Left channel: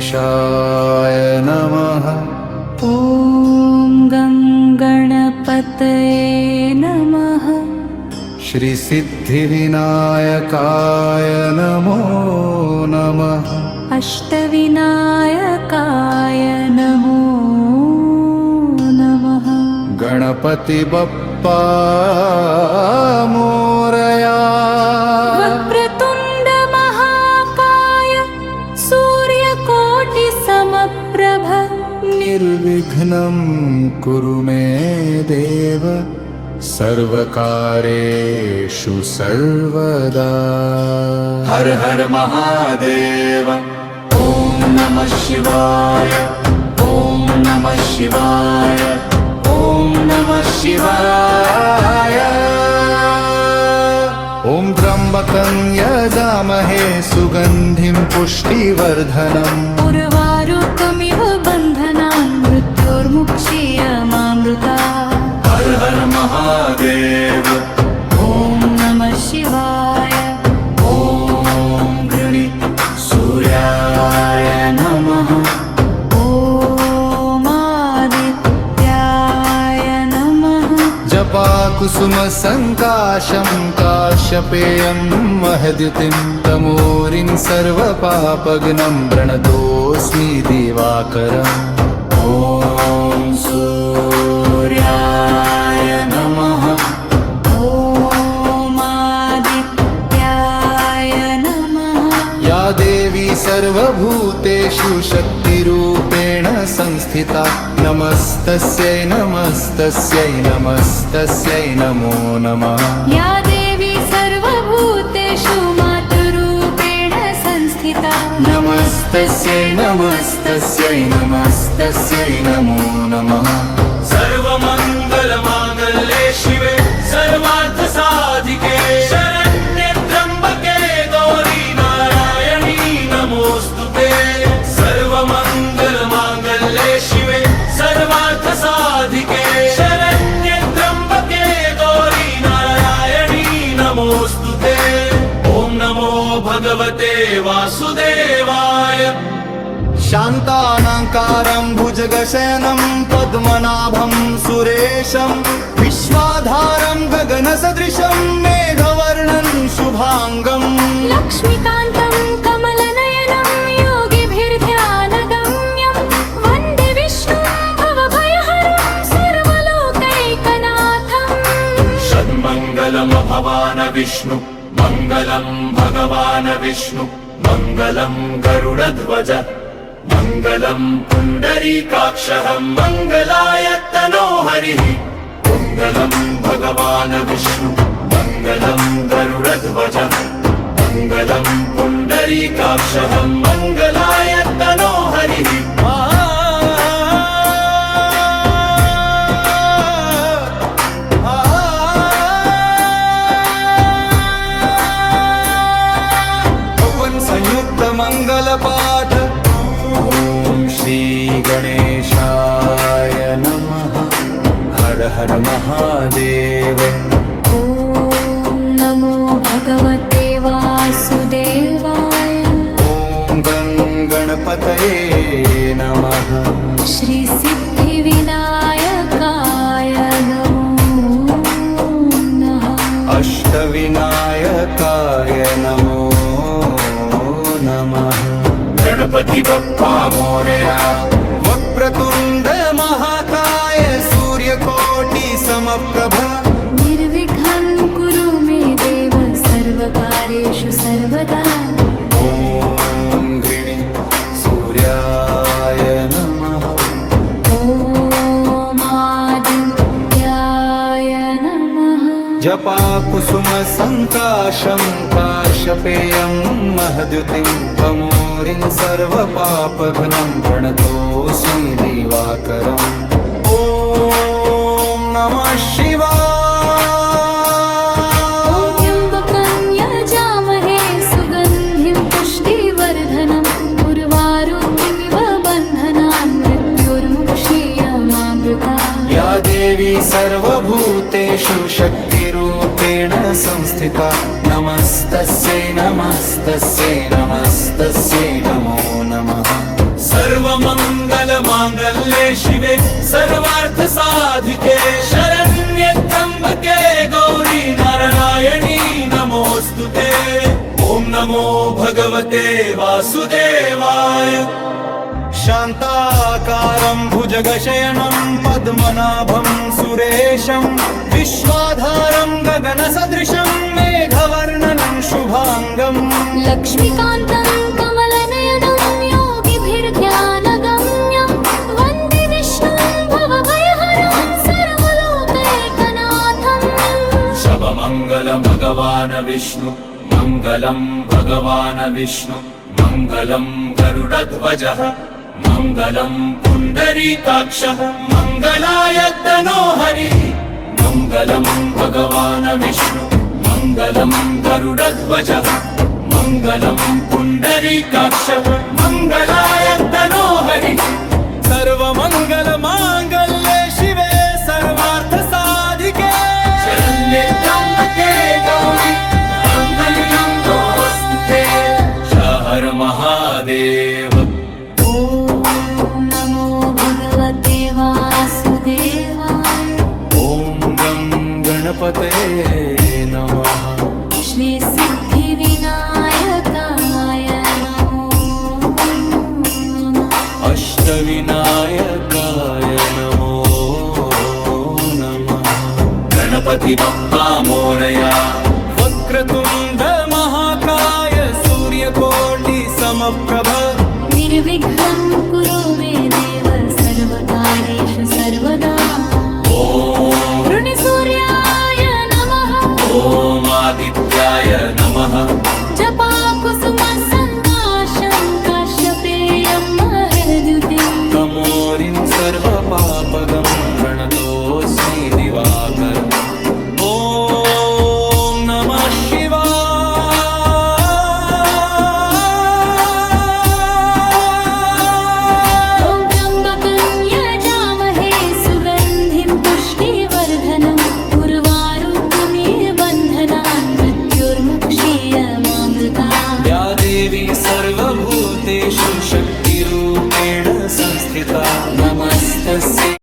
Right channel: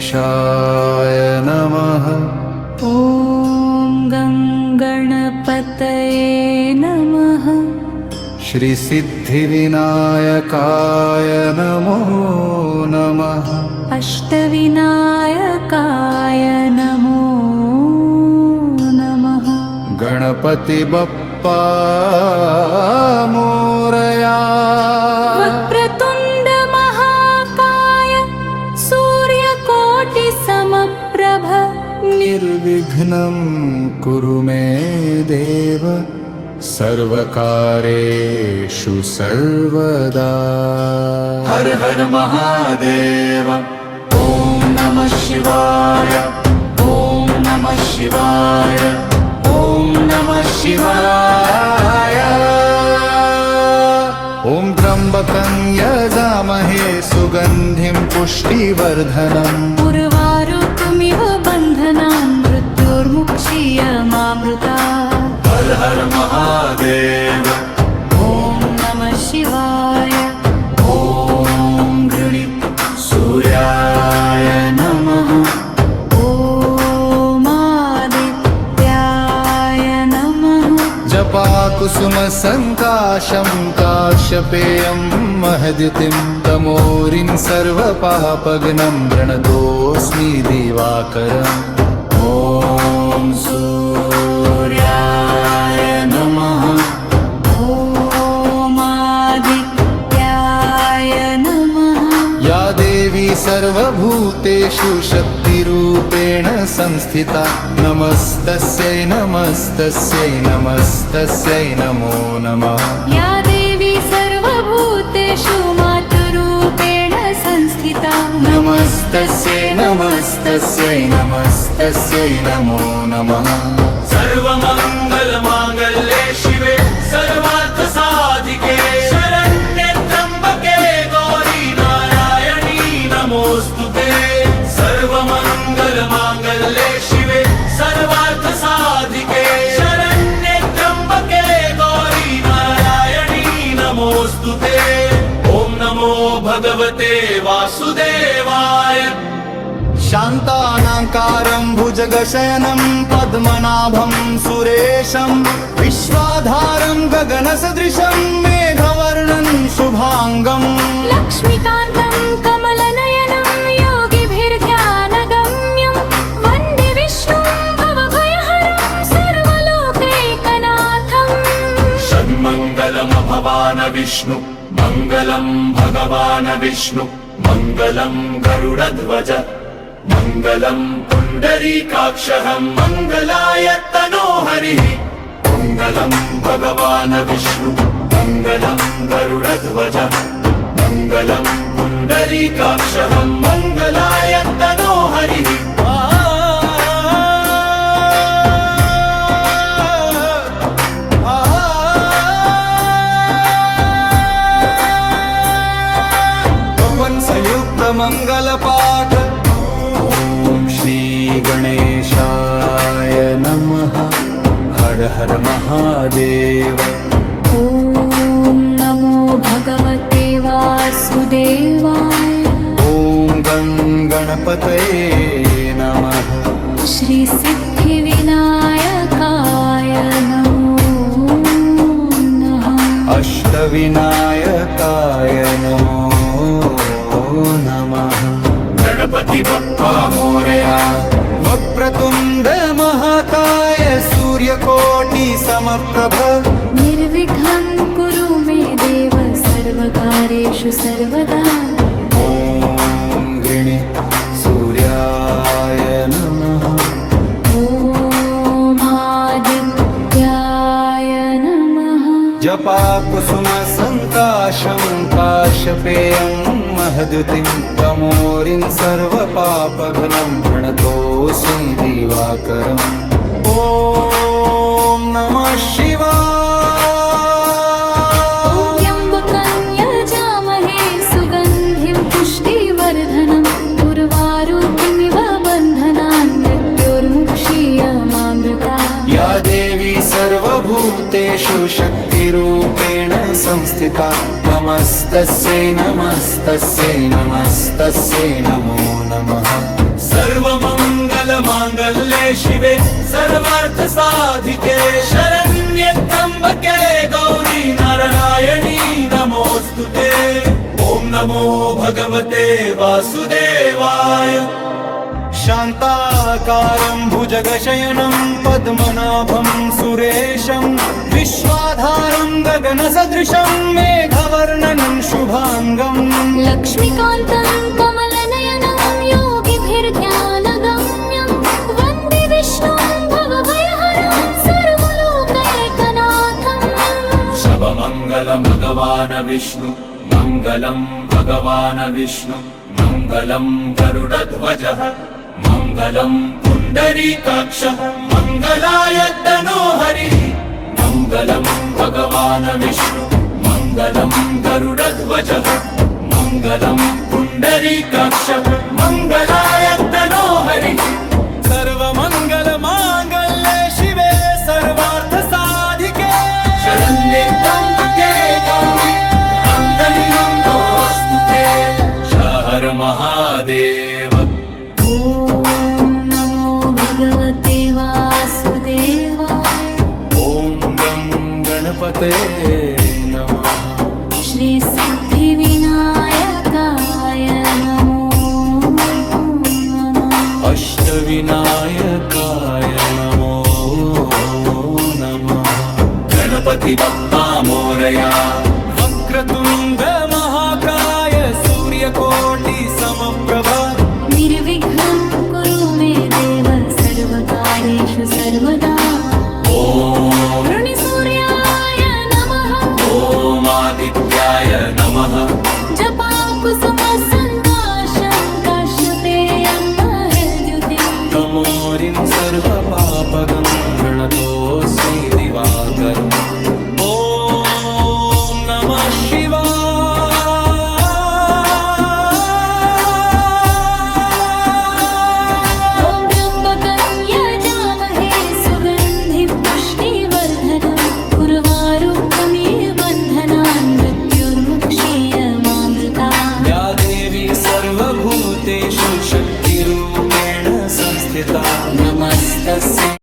गणेशाय नमः। ॐ गणपतये नमः। श्रीसिद्धिविनायकाय नमो नमः। अष्टविनायकाय नमो नमः। गणपति बप्पा मोरया। वक्रतुण्ड महाकाय सूर्यकोटिसमप्रभ निर्विघ्नं कुरु मे देव सर्वकारेषु सर्वदा। हर हर महादेव। ॐ नमः शिवाय। ॐ नमः शिवाय। ॐ नमः शिवाय। ॐ त्र्यम्बकं यजामहे सुगन्धिं पुष्टिवर्धनम्। उर्वारुकमिव बन्धनान् मृत्योर्मुक्षीयमामृता। हर हर महादेव। ॐ नमः शिवाय। ॐ गृणी सूर्याय नमः। ॐ आदित्याय नमः। जपाकुसुमसङ्काशं काश्यपेयं महद्युतिं तमोरिं सर्वपापघ्नं प्रणतोऽस्मि दिवाकरम्। ॐ सूर्याय नमः। ॐ आदित्याय नमः। या देवी सर्वभूतेषु शक्तिरूपेण संस्थिता नमस्तस्यै नमस्तस्यै नमस्तस्यै नमो नमः। या देवी सर्वभूतेषु मातृरूपेण संस्थिता नमस्तस्यै नमस्तस्यै नमस्तस्यै नमो नमः। सर्वमङ्गलमाङ्गल्ये शिवे सर्वार्थसाधिके शरण्ये त्र्यम्बके गौरी नारायणी नमोऽस्तुते। सर्वमङ्गलमाङ्गल्ये शिवे सर्वार्थसाधिके शरण्ये त्र्यम्बके गौरी नारायणी नमोऽस्तुते। ॐ नमो भगवते वासुदेवाय। शान्तानाकारं भुजगशयनं पद्मनाभं सुरेशं विश्वाधारं गगनसदृशं मेघवर्णं शुभांगं। लक्ष्मीकान्तं कमलनयनं योगिभिर्ध्यानगम्यं वन्दे विष्णुं भवभयहरं सर्वलोकैकनाथम्। षण्मङ्गलं भवान् विष्णु मङ्गलं भगवान् विष्णु मङ्गलं गरुडध्वज मङ्गलं पुण्डरीकाक्षः मङ्गलाय तनो हरिः। मङ्गलं भगवान् विष्णु मङ्गलं गरुडध्वज मङ्गलं पुण्डरीकाक्षः मङ्गलाय तनो हरिः। संयुक्त मंगल पाठ। ओम श्री गणेशाय नमः। हर हर महादेव। ॐ नमो भगवते वासुदेवाय। ओम गणपतये नमः। श्रीसिद्धिविनायकाय नमो नमः। अष्टविनायकाय नमो नमः। गणपति बप्पा मोरया। वक्रतुण्ड महाकाय सूर्यकोटि समप्रभ निर्विघ्नं कुरु मे देव सर्वकारेषु सर्वदा। ॐ गृणी सूर्याय नमः। ॐ आदित्याय नमः। जपाकुसुमसङ्काशं काश्यपेयं महद्युतिं तमोरिं सर्वपापघ्नं प्रणतोऽस्मि दिवाकरम्। ॐ नमः शिवाय। त्र्यम्बकं यजामहे सुगन्धिं पुष्टिवर्धनम् उर्वारुकमिव बन्धनान् मृत्योर्मुक्षीयमामृता। या देवी सर्वभूतेषु शक्तिरूपेण संस्थिता नमस्तस्यै नमस्तस्यै नमस्तस्यै नमो नमः। सर्वमङ्गलमाङ्गल्ये शिवे सर्वार्थसाधिके शरण्ये त्र्यम्बके गौरी नारायणी नमोऽस्तुते ॐ नमो भगवते वासुदेवाय शान्ताकारं भुजगशयनं पद्मनाभं सुरेशं विश्वाधारं गगनसदृशं मेघवर्णनं शुभाङ्गम् लक्ष्मीकान्तं कमलनयनं योगिभिर्ध्यानगम्यं वन्दे विष्णुं भवभयहरं सर्वलोकैकनाथम् शवमङ्गल भगवान् विष्णु मङ्गलं भगवान् विष्णु मङ्गलं गरुडध्वजः मङ्गलं पुण्डरीकाक्षः मङ्गलाय तनोहरिः मङ्गलं भगवान् विष्णु मङ्गलं गरुडध्वजः मङ्गलं पुण्डरीकाक्षः मङ्गलाय तनोहरिः सर्वमङ्गलमाङ्गल्ये शिवे सर्वार्थसाधिके शरण्ये त्र्यम्बके गौरी नारायणी नमोऽस्तुते हर महादेव ॐ नमो भगवते वासुदेवाय ॐ गं गणपते नमः श्रीसिद्धिविनायकाय नमो नमः अष्टविनायकाय नमो नमः गणपति बप्पा मोरया वक्रतुण्ड महाकाय सूर्यकोटि समप्रभ निर्विघ्नं कुरु मे देव सर्वकार्येषु सर्वदा ॐ वृणिसूर्याय नमः ॐ आदित्याय नमः जपाकुसुम सङ्काशं काश्यपेयं महर्द्युतिम् तमोरिं सर्वपापगं प्रणतोऽस्मि दिवाकरम् ॐ नमः शिवाय ॐ त्र्यम्बकं यजामहे सुगन्धिं पुष्टिवर्धनम् उर्वारुकमिव बन्धनान् मृत्युर्मुक्षीयमामृता या देवी सर्वभूतेषु शक्तिरूपेण संस्थिता नमस्तस्यै